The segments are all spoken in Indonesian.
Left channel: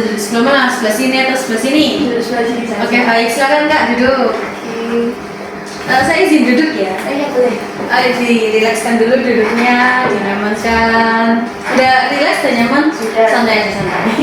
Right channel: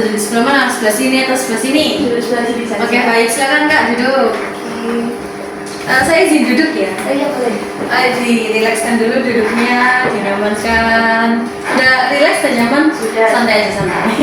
duduk sebelah mana? Sebelah sini atau sebelah sini? Duduk sebelah sini saja. Oke, baik. Silakan Kak duduk. Saya izin duduk ya. Iya boleh. Ayo dirilekskan dulu duduknya, dinyamankan. Udah rileks dan nyaman? Sudah. Santai aja santai.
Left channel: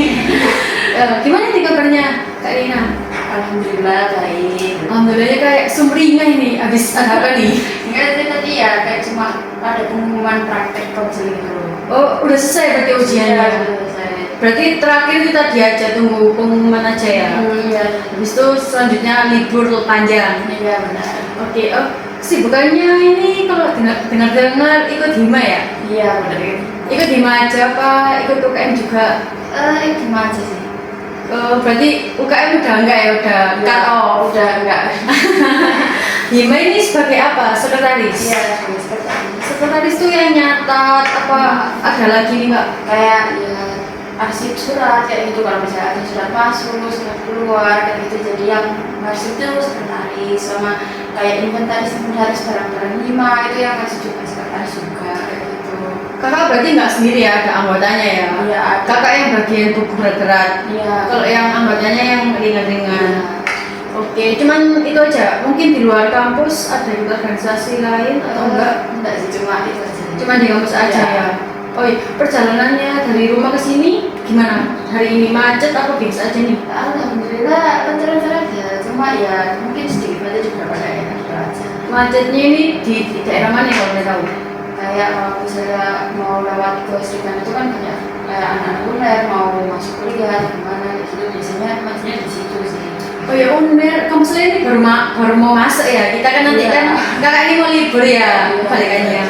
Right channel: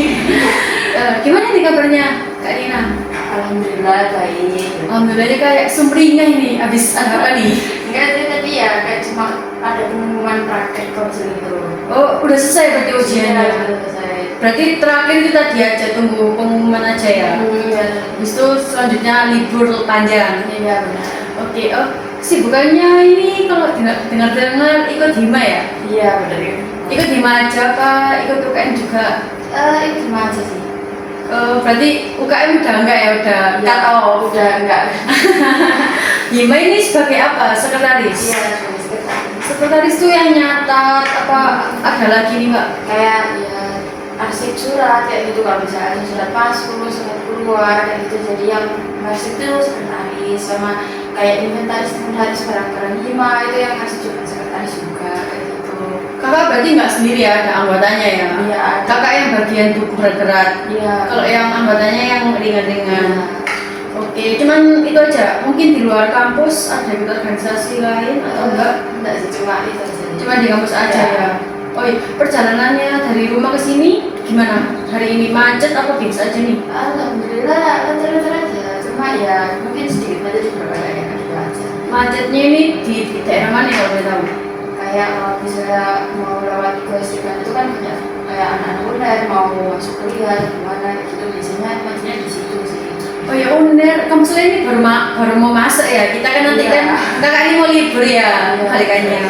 Gimana nih kabarnya Kak Rina? Alhamdulillah baik. Alhamdulillah kayak sumringah ini. Habis apa nih? Enggak itu tadi ya kayak cuma ada pengumuman praktek konseling itu. Oh, udah selesai berarti ujiannya. Sudah selesai. Berarti terakhir itu tadi aja tunggu pengumuman aja ya. Iya. Habis itu selanjutnya libur panjang. Iya benar. Oke, oh sibukannya ini kalau dengar-dengar ikut hima ya? Iya benar. Ikut hima aja apa ikut UKM juga? Itu gimana aja sih? Berarti UKM udah enggak ya? Udah Ya, cut off? udah enggak. Hima ini sebagai apa? Sekretaris? Iya sekretaris. Sekretaris tuh yang nyatat apa ada lagi nih Mbak? Kayak ya arsip surat kayak gitu, kalau misalnya ada surat masuk, surat keluar kayak gitu, jadi yang arsip itu sekretaris, sama kayak inventaris barang-barang hima itu yang arsip juga sekretaris juga kayak gitu. Kakak berarti nggak sendiri ya, ada anggotanya ya? Iya ada. Kakak yang bagian buku berat-berat. Iya. Kalau yang anggotanya yang ringan-ringan. Iya. Oke, cuman itu aja. Mungkin di luar kampus ada juga organisasi lain atau enggak? Enggak sih, cuma itu aja. Cuma di kampus aja Iya. ya. Oh iya, perjalanannya dari rumah ke sini gimana? Hari ini macet apa biasa aja nih? Alhamdulillah lancar-lancar aja, cuma ya mungkin sedikit macet juga kayaknya gitu aja. Macetnya ini di daerah mana kalau boleh tahu? Kayak kalau misalnya mau lewat ke Srikan itu kan banyak kayak anak-anak UNER mau masuk kuliah atau gimana gitu, biasanya macetnya di situ sih. Oh ya UNER, kampus ini baru mau masuk ya. Kita kan nanti Iya. kan kakak ini mau libur ya, Iya. balikannya.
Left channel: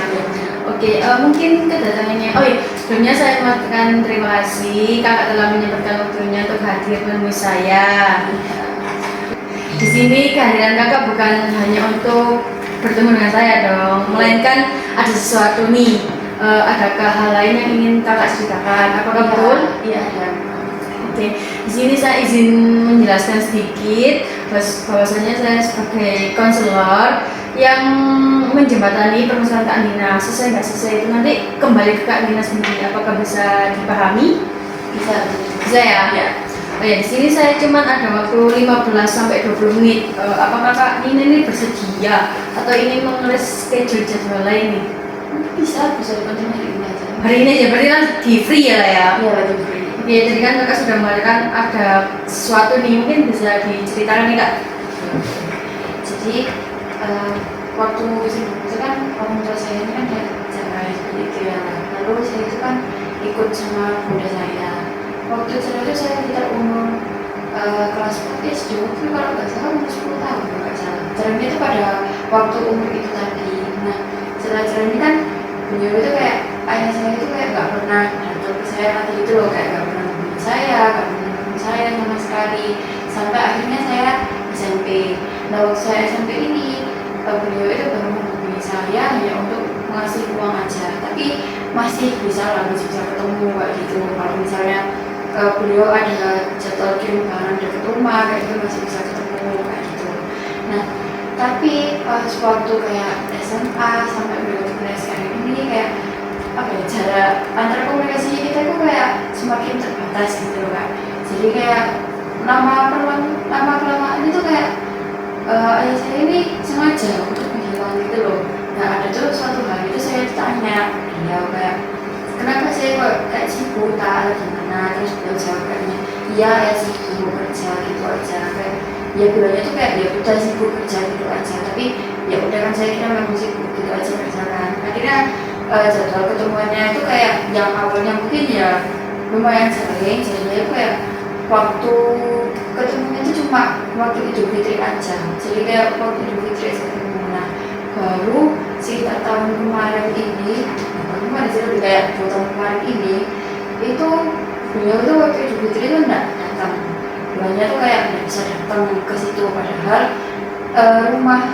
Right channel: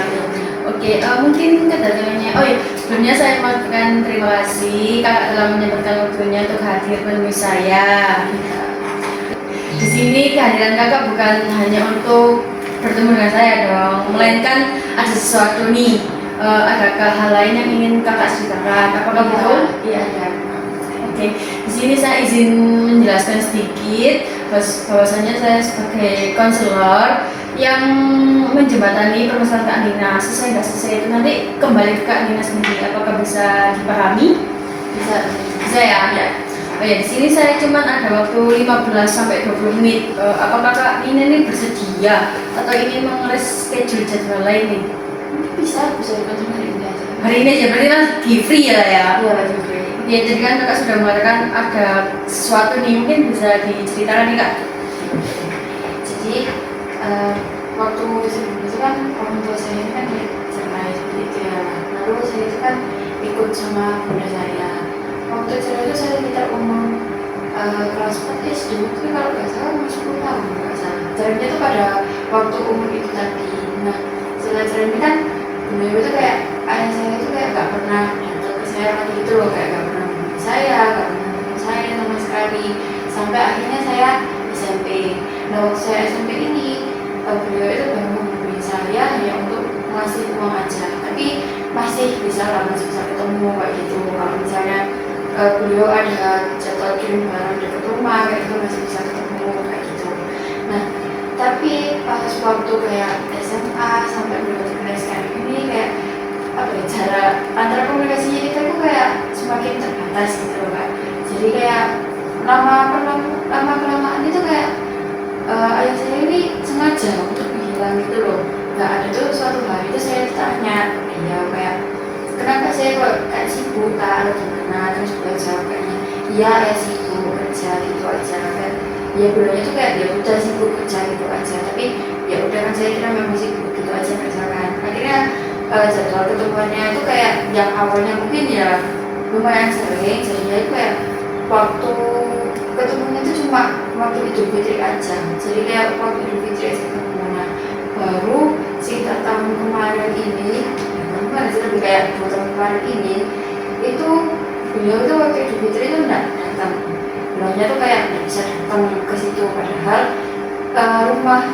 Oke, mungkin kedatangannya. Oh iya, sebelumnya saya mengucapkan terima kasih kakak telah menyempatkan waktunya untuk hadir menemui saya. Di sini kehadiran kakak bukan hanya untuk bertemu dengan saya dong, melainkan ada sesuatu nih. Adakah hal lain yang ingin kakak ceritakan? Apakah betul? Iya ada. Oke, di sini saya izin menjelaskan sedikit bahwasanya saya sebagai konselor yang menjembatani permasalahan Kak Nina. Selesai nggak selesai itu nanti kembali ke Kak Nina sendiri. Apakah bisa dipahami? Bisa. Bisa ya? Ya. Oh ya, di sini saya cuma ada waktu 15 sampai 20 menit. Apakah Kak Nina ini bersedia atau ingin mengeres schedule jadwal lain nih? Bisa dibantu hari ini aja. Hari ini aja berarti kan di free ya lah ya? Iya lagi free. Ya, jadi kan kakak sudah mengatakan ada sesuatu nih, mungkin bisa diceritakan nih kak. Jadi waktu sebelum itu kan orang tua saya ini kan cerai seperti itu ya. Lalu saya itu kan ikut sama bunda saya. Waktu cerai itu saya tidak umur kelas 4 SD, itu kalau nggak salah umur 10 tahun nggak salah. Cerainya itu pada waktu umur itu tadi. Nah setelah cerai ini kan beliau itu kayak ayah saya itu kayak nggak pernah datang ke saya lagi gitu loh, kayak nggak pernah hubungi saya, nggak pernah hubungi saya sama sekali, sampai akhirnya saya SMP. Nah waktu saya SMP ini beliau itu baru menghubungi saya hanya untuk mengasih uang aja, tapi masih bisa lah, masih bisa ketemu kayak gitu. Kalau misalnya beliau ada jadwal kirim barang dekat rumah kayak gitu masih bisa ketemu kayak gitu. Nah tapi pas waktu kayak SMA sampai beliau ke SKM ini kayak apa ya, jarak antara komunikasinya kita itu kayak semakin terbatas gitu kan. Jadi kayak lama kelamaan itu kayak ayah saya ini sengaja untuk menghilang gitu loh. Nah ada tuh suatu hari itu saya tanya dia kayak kenapa saya kok kayak sibuk tak atau gimana, terus beliau jawab kayaknya iya ya sibuk kerja gitu aja kan. Ya beliau itu kayak ya udah sibuk kerja gitu aja, tapi ya udah kan saya kira memang sibuk gitu aja misalkan. Akhirnya jadwal ketemuannya itu kayak yang awalnya mungkin ya lumayan sering, jadinya itu kayak waktu ketemunya itu cuma waktu Idul Fitri aja. Jadi kayak waktu Idul Fitri aja ketemu. Nah baru sekitar tahun kemarin ini, kemarin sih lebih kayak 2 tahun kemarin ini, itu beliau tuh waktu Idul Fitri itu enggak datang. Beliaunya tuh kayak nggak bisa datang ke situ, padahal rumah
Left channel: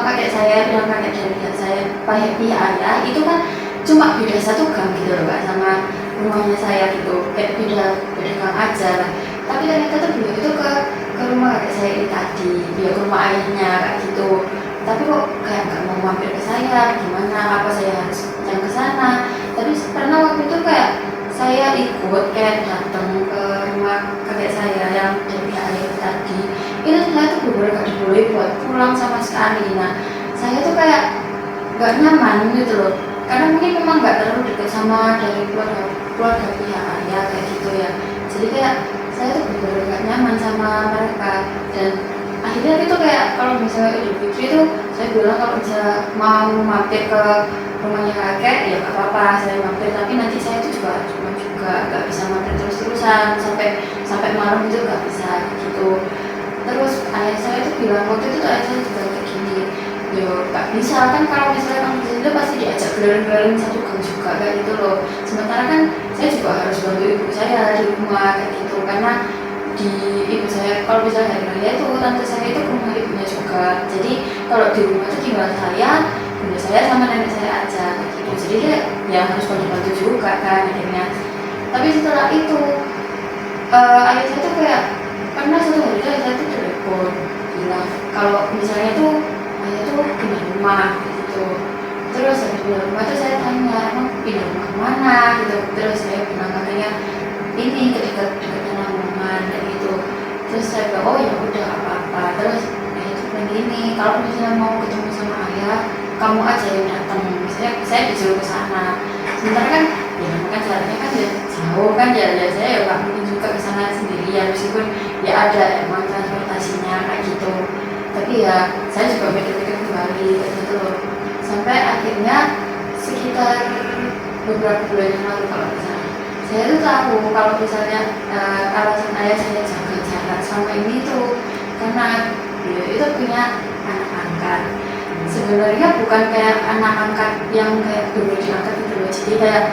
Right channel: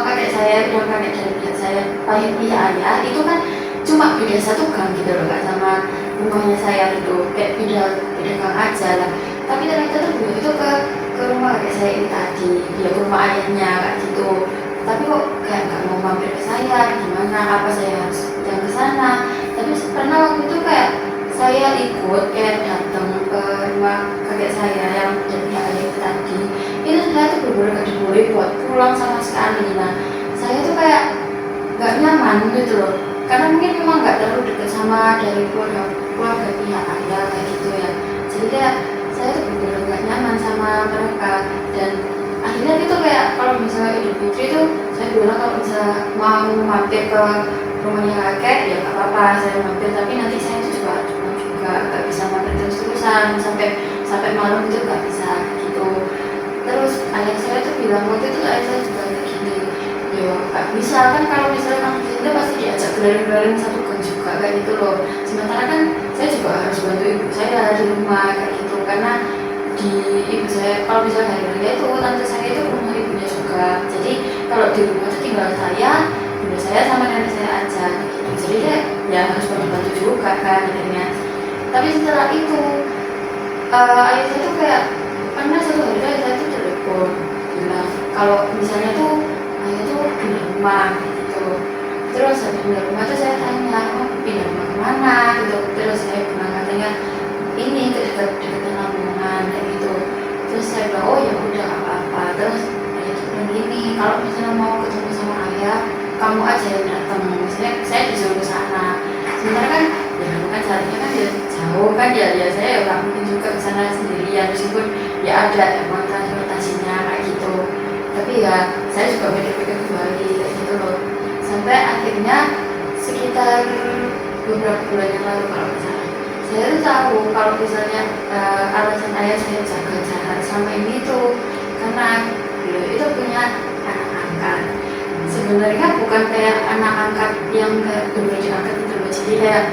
kakek saya dan kakek dari pihak saya, pihak ayah itu kan cuma beda 1 gang gitu loh kak sama rumahnya saya gitu, kayak beda gang aja lah. Tapi ternyata tuh beliau itu ke rumah kakek saya ini tadi, dia ke rumah ayahnya kayak gitu. Tapi kok kayak nggak mau mampir ke saya, gimana? Apa saya harus yang ke sana? Tapi karena waktu itu kayak saya ikut kayak datang ke rumah kakek saya yang dari pihak ayah tadi, itu saya tuh bener-bener gak diboleh buat pulang sama sekali. Nah, saya tuh kayak gak nyaman gitu loh, karena mungkin memang gak terlalu dekat sama dari keluarga pihak ayah kayak gitu ya. Jadi kayak saya tuh bener-bener gak nyaman sama mereka, dan akhirnya itu kayak kalau misalnya Idul Fitri itu saya bilang kalau misalnya mau mampir ke rumahnya kakek ya gak apa-apa saya mampir, tapi nanti saya itu juga harus pulang juga, gak bisa mampir terus-terusan sampai malam itu gak bisa gitu. Terus ayah saya itu bilang waktu itu ayah saya juga kayak gini, yo gak bisa kan kalau misalnya kamu di situ pasti diajak keliling-keliling satu gang juga kayak gitu loh. Sementara kan saya juga harus bantu ibu saya di rumah kayak gitu, karena di ibu saya kalau misalnya hari raya itu tante saya itu ke rumah ibunya juga, jadi kalau di rumah itu tinggal saya, bunda saya sama nenek saya aja gitu. Jadi kayak yang harus bantu-bantu juga kan akhirnya. Tapi setelah itu ayah saya tuh kayak pernah satu hari ayah saya tuh telepon bilang kalau misalnya tuh ayah tuh pindah rumah gitu. Terus habis pindah rumah tuh saya tanya, emang pindah rumah kemana gitu. Terus saya bilang katanya ini dekat Lamongan kayak gitu. Terus saya bilang oh ya udah apa-apa. Terus ayah tuh bilang gini, kalau misalnya mau ketemu sama ayah kamu aja yang datang, misalnya saya disuruh ke sana. Sementara kan ya kan jalannya kan ya jauh kan ya saya ya nggak mungkin juga ke sana sendirian, meskipun ya ada emang transportasinya kayak gitu. Tapi ya saya juga mikir-mikir kembali kayak gitu loh, sampai akhirnya sekitar beberapa bulan yang lalu kalau misalnya saya tuh tahu kalau misalnya alasan ayah saya jaga jarak sama ini tuh karena beliau itu punya anak angkat. Sebenarnya bukan kayak anak angkat yang kayak bener diangkat gitu loh, jadi kayak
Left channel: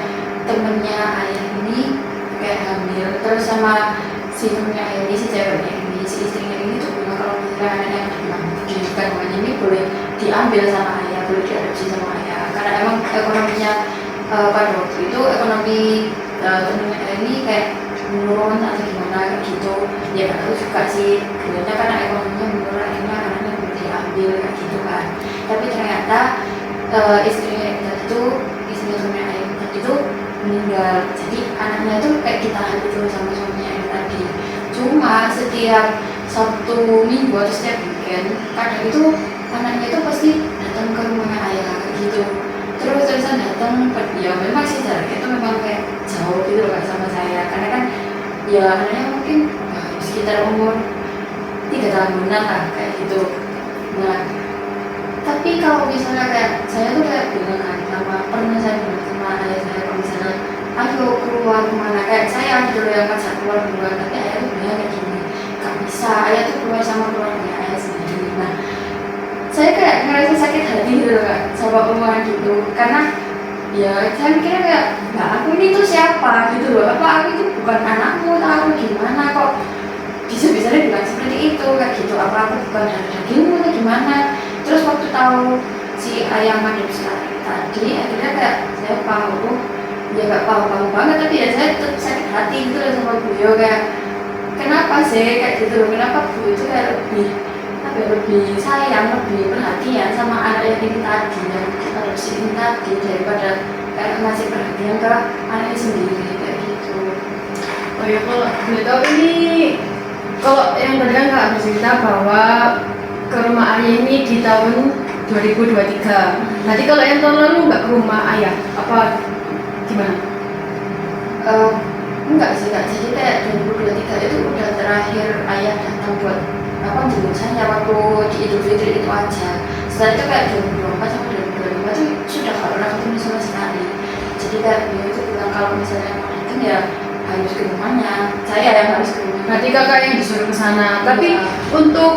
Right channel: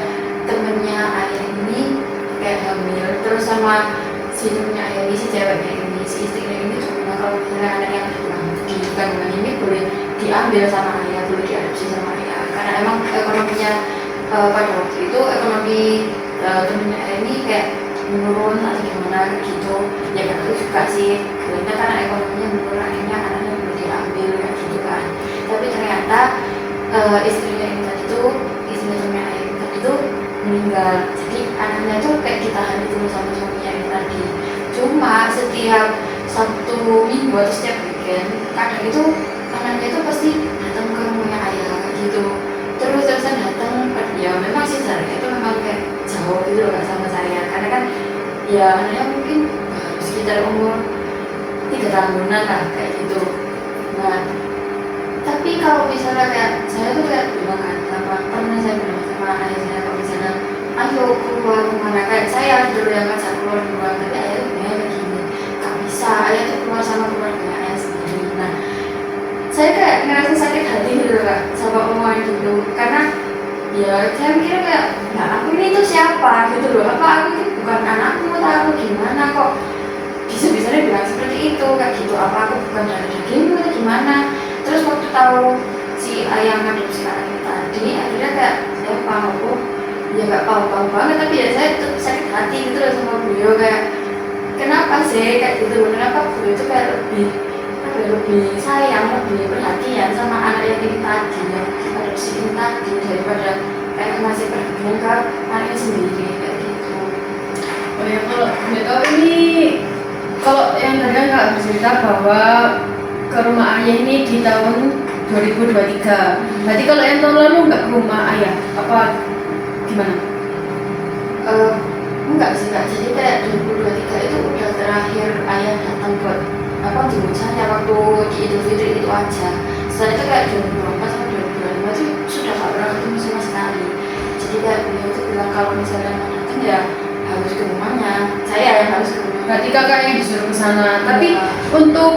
temennya ayah ini kayak hamil terus sama si temennya ayah ini, si ceweknya ini, si istrinya ini tuh bilang kalau misalnya anak yang di kandungan ini boleh diambil sama ayah, boleh diadopsi sama ayah, karena emang ekonominya pada waktu itu ekonomi temennya ayah ini kayak menurun atau gimana gitu ya, gak tahu juga sih sebenarnya karena ekonominya menurun akhirnya anaknya boleh diambil kayak gitu kan. Tapi ternyata istrinya ini tadi tuh, istrinya temennya ayah ini tadi tuh meninggal, jadi anaknya tuh kayak ditahan gitu sama suaminya ini tadi. Cuma setiap Sabtu Minggu atau setiap weekend kadang itu anaknya tuh pasti datang ke rumahnya ayah kayak gitu, terusan datang. Ya memang sih jaraknya itu memang kayak jauh gitu loh kak sama saya, karena kan ya anaknya mungkin sekitar umur 3 tahunan lah kayak gitu. Nah tapi kalau misalnya kayak saya tuh kayak bilang kan pernah saya bilang sama ayah saya kalau misalnya ayo keluar rumah, kayak saya dulu yang ngajak keluar duluan, tapi ayah tuh bilang kayak gini gak bisa, ayah tuh keluar sama keluarga ayah sendiri. Nah saya kayak ngerasa sakit hati gitu loh kak sama omongan gitu, karena ya saya mikirnya kayak nah aku ini tuh siapa gitu loh, apa aku itu bukan anakmu atau aku gimana kok bisa-bisanya bilang seperti itu kayak gitu, apa aku bukan darah dagingmu atau gimana. Terus waktu tahu si ayah adopsi anak tadi akhirnya kayak saya tahu ya gak tahu banget, tapi ya saya tetap sakit hati gitu loh sama beliau, kayak kenapa sih kayak gitu loh, kenapa beliau itu kayak lebih sayang, lebih perhatian sama anak yang ini tadi, yang adopsi ini tadi, daripada kayak masih perhatian ke anaknya sendiri kayak gitu. Oh ya, kalau boleh tahu ini, kalau yang tadi kan Kak bercerita bahwa ke rumah ayah ini di tahun 2023. Berarti kalau yang tahun lalu nggak ke rumah ayah, apa gimana? Enggak sih kak, jadi kayak 2023 itu udah terakhir ayah datang buat apa jemput saya waktu di Idul Fitri itu aja. Setelah itu kayak 2024 sama 2025 itu sudah gak pernah ketemu sama sekali. Jadi kayak beliau itu bilang kalau misalnya mau datang ya harus ke rumahnya, saya yang harus ke rumahnya. Berarti kakak yang disuruh ke sana. Tapi untuk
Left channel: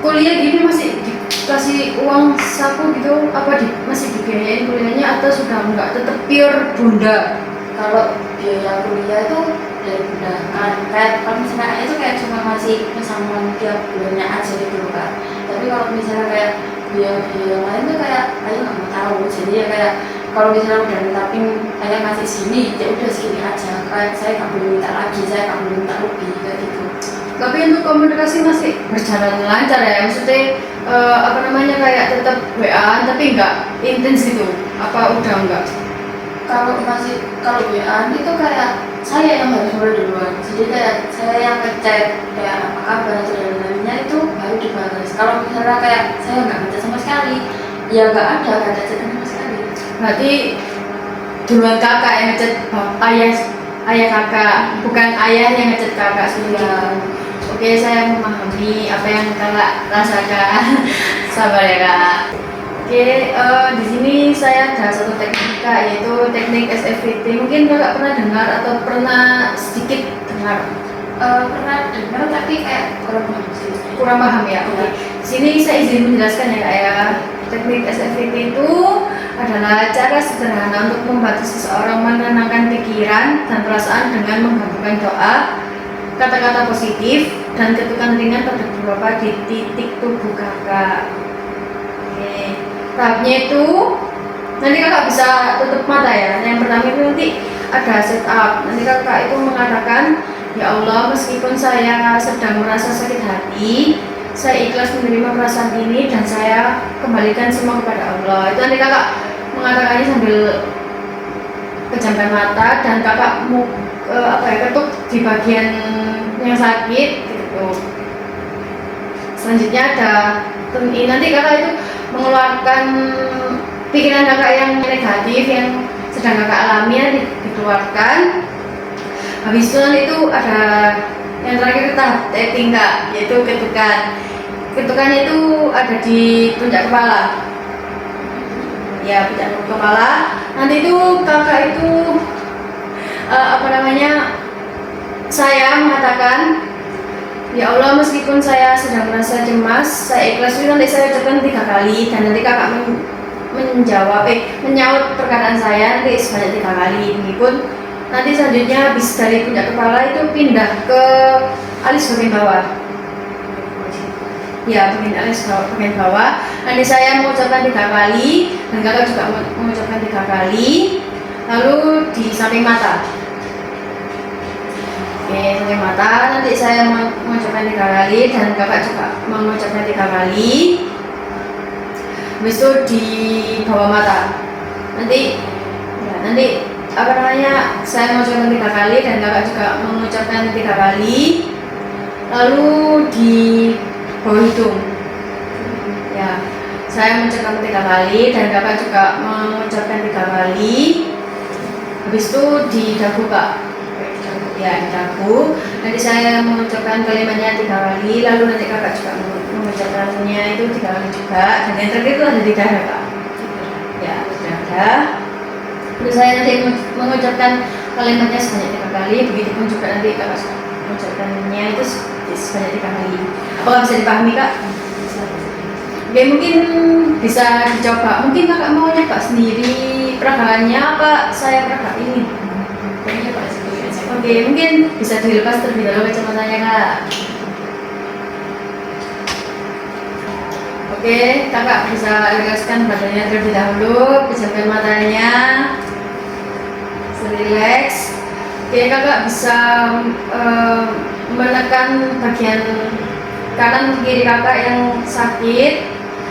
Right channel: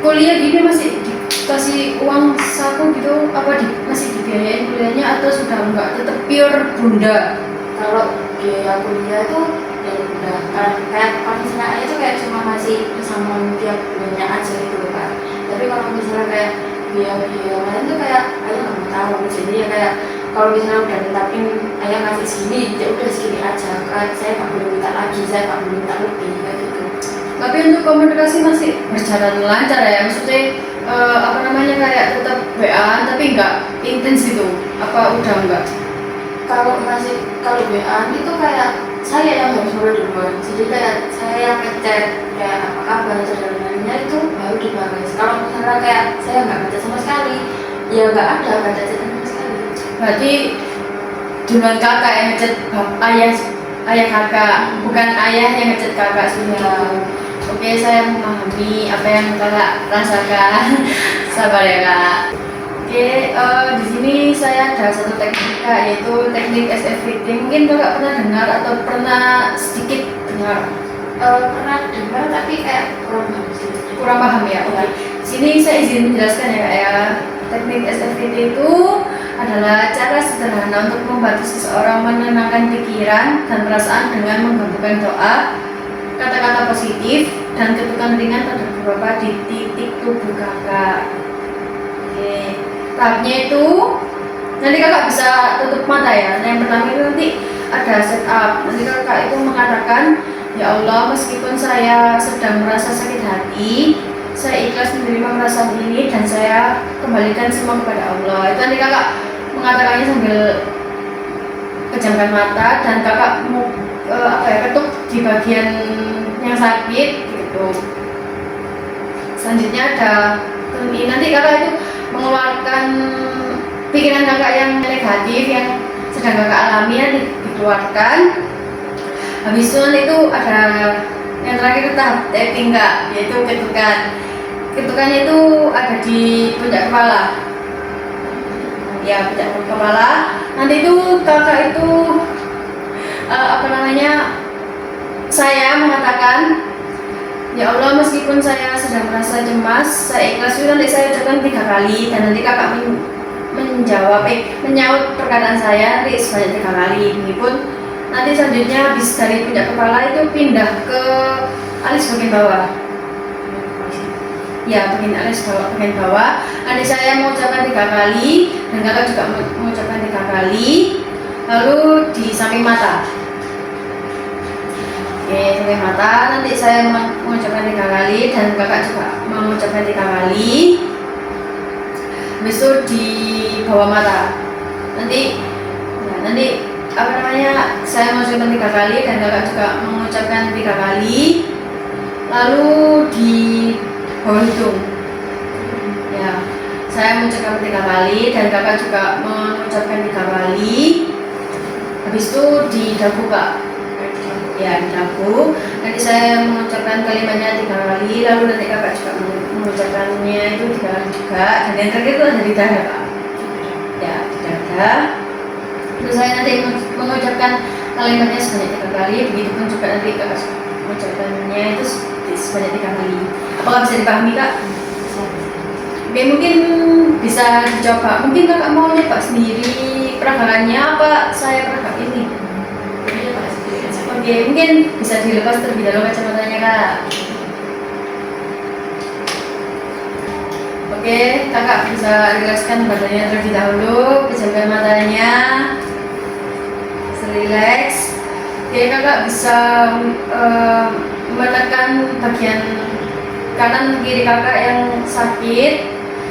kuliah gini masih dikasih uang saku gitu, apa masih dibiayain kuliahnya atau sudah enggak, tetap pure bunda? Kalau biaya kuliah itu dari bunda kan, kayak kalau misalnya ayah itu kayak cuma masih pesangon tiap bulannya aja gitu kan. Tapi kalau misalnya kayak biaya lain tuh kayak ayah nggak mau tahu, jadi ya kayak kalau misalnya udah netapin ayah ngasih sini ya udah segini aja kan, saya nggak boleh minta lagi, saya nggak boleh minta lebih kayak gitu. Tapi untuk komunikasi masih berjalan lancar ya, maksudnya apa namanya kayak tetap WA tapi enggak intens gitu, apa udah enggak? Kalau WA itu kayak saya yang harus mulai duluan. Jadi kayak saya yang ngecek kayak apa kabar itu dan lainnya itu baru dibalas. Kalau misalnya kayak saya nggak baca sama sekali, ya nggak ada kata chat sama sekali. Berarti duluan kakak yang ngechat ayah kakak, bukan ayah yang ngechat kakak sih. Ya. Oke, saya memahami apa yang kakak rasakan. Sabar ya kak. Oke, di sini saya ada satu teknik kak, yaitu teknik SFVT. Mungkin kakak pernah dengar atau pernah sedikit dengar? Pernah dengar tapi kayak kurang paham sih. Kurang paham ya? Oke. Di sini saya izin menjelaskan ya kak ya. Teknik SFVT itu adalah cara sederhana untuk membantu seseorang menenangkan pikiran dan perasaan dengan menggabungkan doa, kata-kata positif, dan ketukan ringan pada beberapa di titik tubuh kakak. Oke, tahapnya itu nanti kakak bisa tutup mata ya. Yang pertama itu nanti ada setup. Nanti kakak itu mengatakan, ya Allah, meskipun saya sedang merasa sakit hati, saya ikhlas menerima perasaan ini dan saya kembalikan semua kepada Allah. Itu nanti kakak mengatakannya sambil pejamkan mata dan kakak mau ketuk di bagian yang sakit gitu. Selanjutnya ada ini nanti kakak itu mengeluarkan pikiran kakak yang negatif yang sedang kakak alami nanti dikeluarkan. Habis itu nanti itu ada yang terakhir tahap tapping kak, yaitu ketukan. Ketukannya itu ada di puncak kepala. Ya, puncak kepala. Nanti itu kakak itu saya mengatakan, ya Allah, meskipun saya sedang merasa cemas, saya ikhlas. Itu nanti saya ucapkan 3 kali dan nanti kakak menyaut perkataan saya nanti sebanyak 3 kali. Ini pun nanti selanjutnya habis dari puncak kepala itu pindah ke alis bagian bawah. Ya, bagian bawah. Nanti saya mengucapkan 3 kali dan kakak juga mengucapkan 3 kali. Lalu di samping mata. Oke, samping mata. Nanti saya mengucapkan 3 kali dan kakak juga mengucapkan 3 kali. Habis itu di bawah mata. Nanti saya mengucapkan 3 kali dan kakak juga mengucapkan 3 kali. Lalu di bawah hidung. Ya, saya mengucapkan 3 kali dan kakak juga mengucapkan 3 kali. Habis itu di dagu kak. Ya, di dagu. Nanti saya mengucapkan kalimatnya 3 kali. Lalu nanti kakak juga mengucapkannya itu 3 kali juga. Dan yang terakhir itu ada di dada kak. Ya, di dada. Terus saya nanti mengucapkan kalimatnya sebanyak 3 kali. Begitupun juga nanti kakak mengucapkannya itu sebanyak 3 kali. Apakah bisa dipahami kak? Oke, mungkin bisa dicoba. Mungkin kakak mau nyoba sendiri peragaannya apa saya peragak ini? Oke, mungkin bisa dilepas terlebih dahulu kacamatanya kak. Oke, kakak bisa rilekskan badannya terlebih dahulu, pejamkan matanya, relax. Oke, kakak bisa menekan bagian kanan kiri kakak yang sakit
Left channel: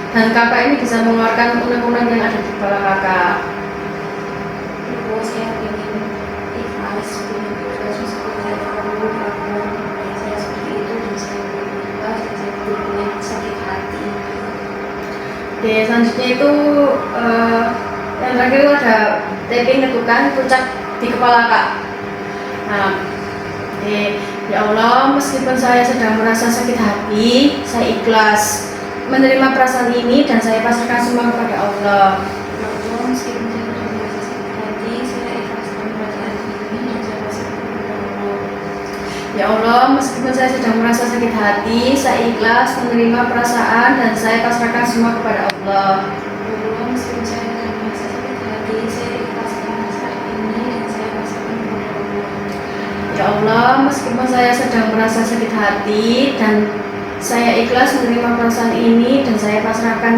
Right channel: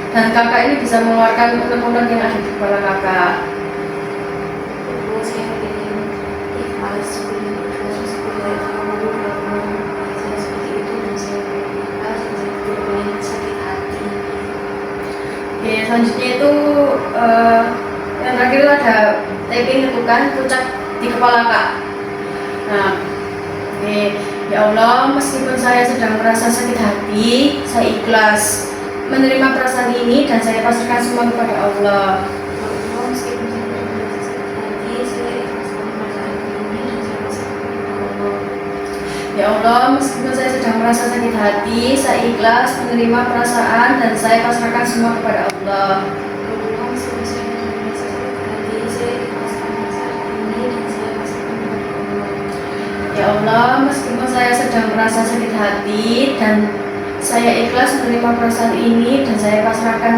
dan kakak ini bisa mengeluarkan unek-unek yang ada di kepala kakak. Saya ingin ikhlas, seperti saya seperti itu dan saya ikhlas dan saya punya sakit hati. Oke, selanjutnya itu yang terakhir itu ada tapping ketukan puncak di kepala kak. Nah, ya Allah, meskipun saya sedang merasa sakit hati, saya ikhlas menerima perasaan ini dan saya pasrahkan semua kepada Allah. Meskipun saya sedang merasa sakit hati, saya ikhlas menerima perasaan ini dan saya pasrahkan kepada Allah. Ya Allah, meskipun saya sedang merasa sakit hati, saya ikhlas menerima perasaan dan saya pasrahkan semua kepada Allah. Meskipun saya sedang merasa sakit hati, saya ikhlas menerima perasaan ini dan saya pasrahkan kepada Allah. Ya Allah, meskipun saya sedang merasa sakit hati dan saya ikhlas menerima perasaan ini dan saya pasrahkan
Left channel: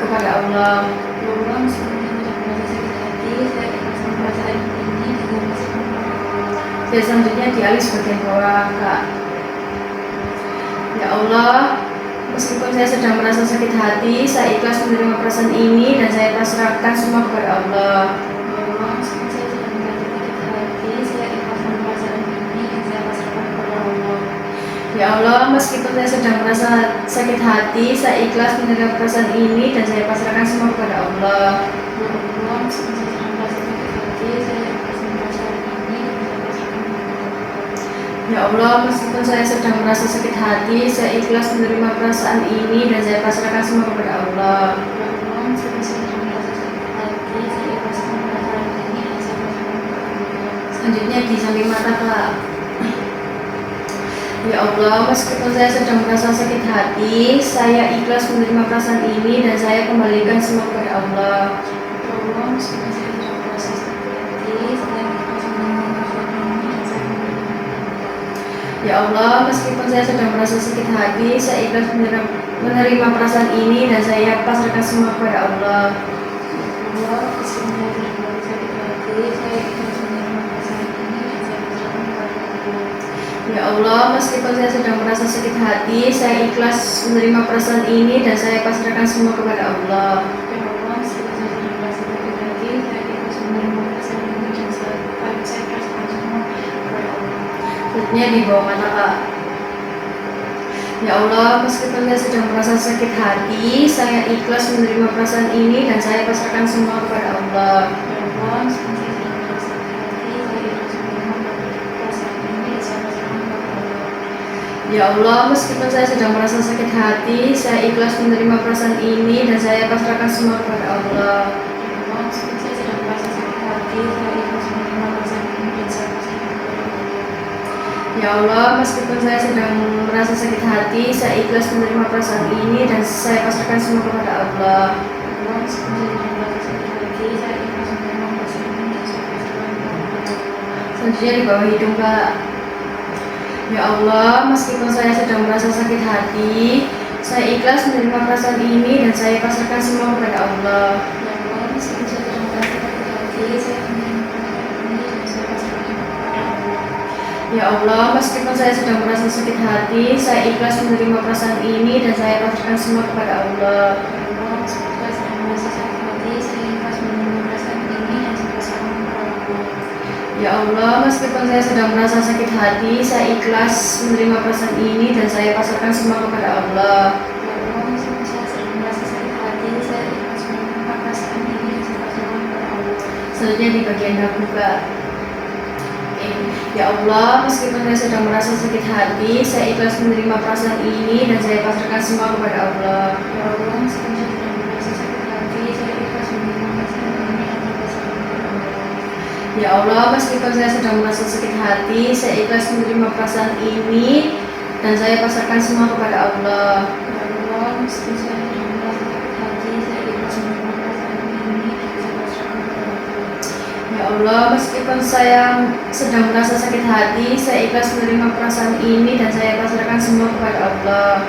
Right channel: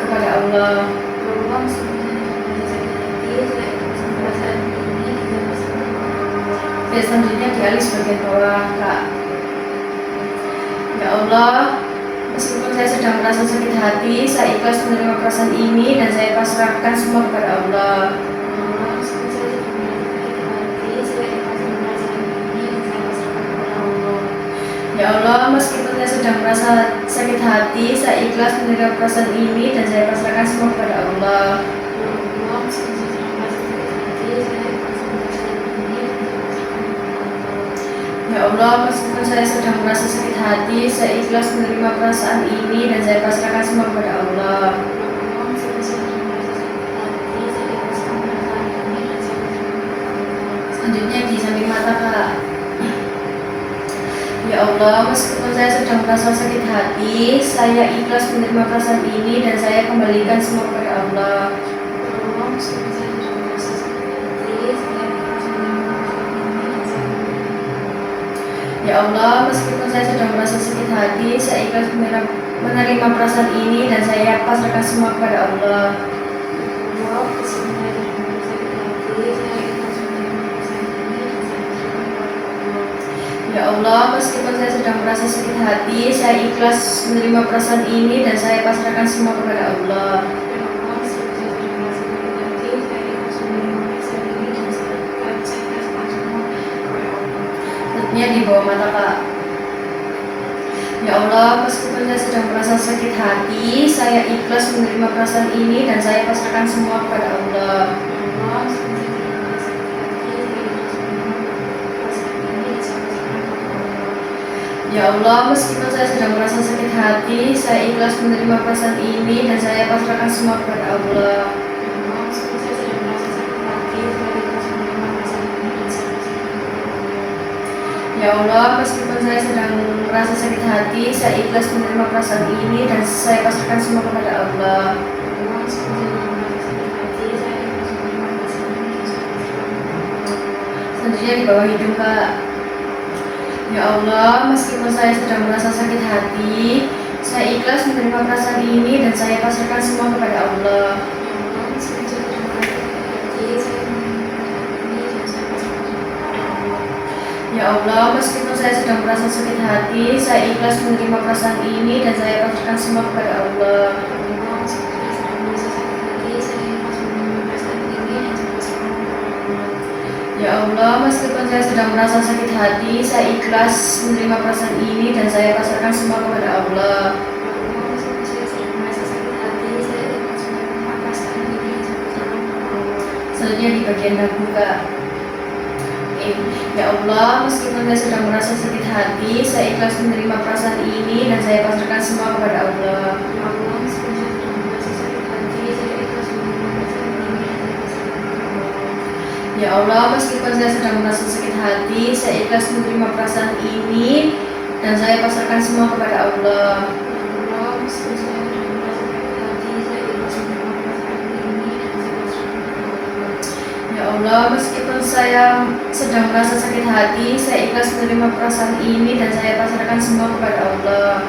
kepada Allah. Meskipun saya sedang merasa sakit hati, saya ikhlas menerima perasaan ini dan saya pasrahkan kepada Allah. Dan selanjutnya di alis bagian bawah kak. Ya Allah, meskipun saya sedang merasa sakit hati, saya ikhlas menerima perasaan ini dan saya pasrahkan semua kepada Allah. Meskipun saya sedang merasa sakit hati, saya ikhlas menerima Ya Allah, meskipun saya sedang merasa sakit hati, saya ikhlas menerima perasaan ini dan saya pasrahkan semua kepada Allah. Ya Allah, meskipun saya sedang merasa sakit hati, saya ikhlas menerima perasaan ini dan saya pasrahkan kepada Allah. Ya Allah, meskipun saya sedang merasa sakit hati, saya ikhlas menerima perasaan ini dan saya pasrahkan semua kepada Allah. Ya Allah, meskipun saya sedang merasa sakit hati, saya ikhlas menerima perasaan ini dan saya pasrahkan kepada Allah. Selanjutnya di samping mata, Kak. Ya Allah, meskipun saya sedang merasa sakit hati, saya ikhlas menerima perasaan ini dan saya kembalikan semua kepada Allah. Ya Allah, meskipun saya sedang merasa sakit hati, saya ikhlas menerima perasaan ini dan saya kembalikan kepada Allah. Ya Allah, meskipun saya sedang merasa sakit hati, saya ikhlas menerima perasaan ini dan saya pasrahkan semua kepada Allah. Ya Allah, meskipun saya sedang merasa sakit hati, saya ikhlas menerima perasaan ini dan saya pasrahkan kepada Allah. Ya Allah, meskipun saya sedang merasa sakit hati, saya ikhlas menerima perasaan ini dan saya pasrahkan semua kepada Allah. Ya Allah, meskipun saya sedang merasa sakit hati, saya ikhlas menerima perasaan ini dan saya pasrahkan semua kepada Allah. Selanjutnya di bawah mata, Kak. Ya Allah, meskipun saya sedang merasa sakit hati, saya ikhlas menerima perasaan ini dan saya pasrahkan semua kepada Allah. Ya Allah, meskipun saya sedang merasa sakit hati, saya ikhlas menerima perasaan ini dan saya pasrahkan kepada Allah. Ya Allah, meskipun saya sedang merasa sakit hati, saya ikhlas menerima perasaan ini dan saya pasrahkan semua kepada Allah. Ya Allah, meskipun saya sedang merasa sakit hati, saya ikhlas menerima perasaan ini dan saya pasrahkan kepada Allah. Ya Allah, meskipun saya sedang merasa sakit hati, saya ikhlas menerima perasaan ini dan saya pasrahkan semua kepada Allah. Ya Allah, meskipun saya sedang merasa sakit hati, saya ikhlas menerima perasaan ini dan saya pasrahkan kepada Allah.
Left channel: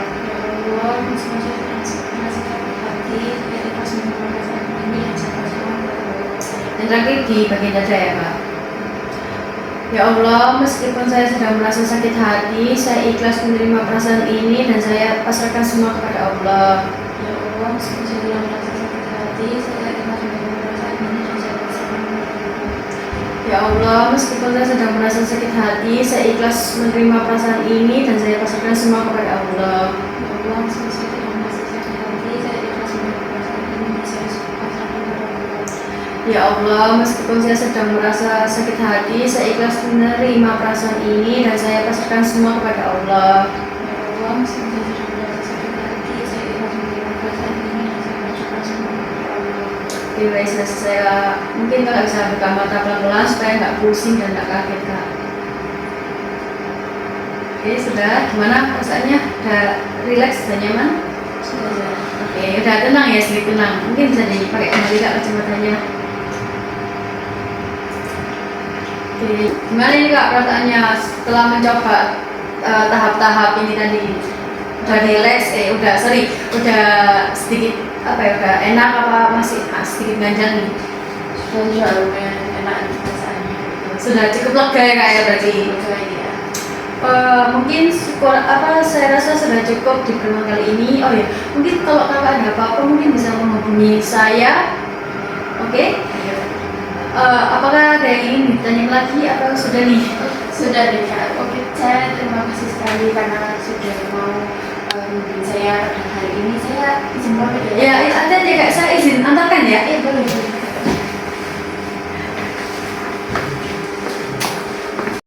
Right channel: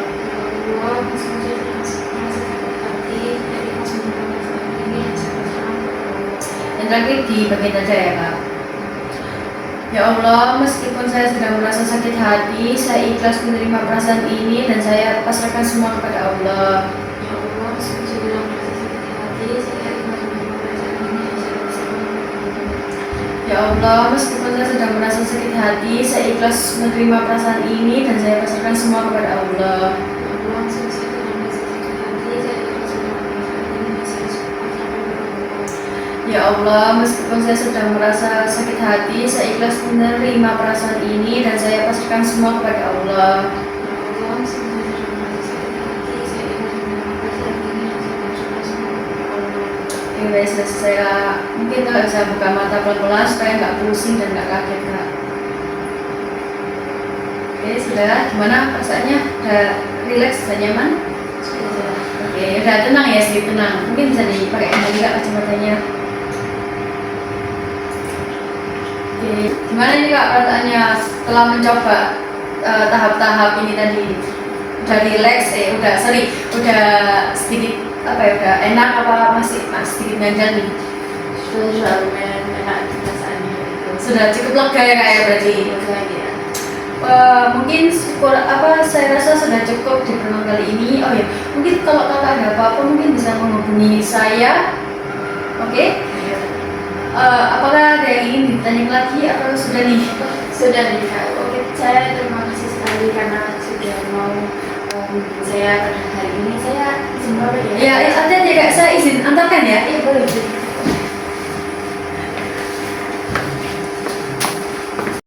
Selanjutnya di bawah hidung, Kak. Ya Allah, meskipun saya sedang merasa sakit hati, saya ikhlas menerima perasaan ini dan saya pasrahkan semua kepada Allah. Ya Allah, meskipun saya sedang merasa sakit hati, saya menerima perasaan ini dan saya pasrahkan kepada Allah. Ya Allah, meskipun saya sedang merasa sakit hati, saya ikhlas menerima perasaan ini dan saya pasrahkan semua kepada Allah. Ya Allah, meskipun saya sedang merasa sakit hati, saya ikhlas menerima perasaan ini dan saya pasrahkan kepada Allah. Ya Allah, meskipun saya sedang merasa sakit hati, saya ikhlas menerima perasaan ini dan saya pasrahkan semua kepada Allah. Ya Allah, meskipun saya sedang merasa sakit hati, saya ikhlas menerima perasaan ini dan saya pasrahkan kepada Allah. Selanjutnya di bagian dagu, Kak. Ya Allah, meskipun saya sedang merasa sakit hati, saya ikhlas menerima perasaan ini dan saya pasrahkan semua kepada Allah. Ya Allah, meskipun saya sedang merasa sakit hati, saya ikhlas menerima perasaan ini dan saya pasrahkan kepada Allah. Ya Allah, meskipun saya sedang merasa sakit hati, saya ikhlas menerima perasaan ini dan saya pasrahkan semua kepada Allah. Ya Allah, meskipun saya sedang merasa sakit hati, saya ikhlas menerima perasaan ini dan saya pasrahkan kepada Allah. Ya Allah, meskipun saya sedang merasa sakit hati, saya ikhlas menerima perasaan ini dan saya pasrahkan semua kepada Allah. Ya Allah, meskipun saya sedang merasa sakit hati, saya ikhlas menerima perasaan ini dan saya pasrahkan kepada Allah. Yang terakhir di bagian dada, ya Kak. Ya Allah, meskipun saya sedang merasa sakit hati, saya ikhlas menerima perasaan ini dan saya pasrahkan semua kepada Allah. Ya Allah, meskipun saya sedang merasa sakit hati, saya ikhlas menerima perasaan ini dan saya pasrahkan kepada Allah. Ya Allah, meskipun saya sedang merasa sakit hati, saya ikhlas menerima perasaan ini dan saya pasrahkan semua kepada Allah. Ya Allah, meskipun saya sedang merasa sakit hati, saya ikhlas menerima perasaan ini dan saya pasrahkan kepada Allah. Ya Allah, meskipun saya sedang merasa sakit hati, saya ikhlas menerima perasaan ini dan saya pasrahkan semua kepada Allah. Ya Allah, meskipun saya sedang merasa sakit hati, saya ikhlas menerima perasaan ini dan saya pasrahkan semua kepada Allah. Oke, baik, saya mungkin Kak bisa buka mata pelan-pelan supaya nggak pusing dan nggak kaget, Kak. Oke, sudah. Gimana perasaannya? Udah rileks, sudah nyaman? Sudah. Oke, udah tenang ya, sedikit tenang. Mungkin bisa dipakai kembali Kak kacamatanya. Oke, gimana ini Kak perasaannya setelah mencoba tahap-tahap ini tadi? Udah rileks, udah sedikit apa ya, udah enak apa masih sedikit ganjal nih? Sudah lumayan enak perasaannya. Sudah cukup lega ya Kak ya berarti? Lega ya. Mungkin saya rasa sudah cukup di pertemuan kali ini. Oh ya, mungkin kalau kakak ada apa-apa mungkin bisa menghubungi saya. Oke? Apakah ada yang ingin ditanya lagi atau sudah nih? Sudah nih Kak. Oke, saya terima kasih sekali sekali karena sudah mau saya pada hari ini saya izin pamit ya. Ya, hati-hati Kak, saya izin antarkan ya. Boleh.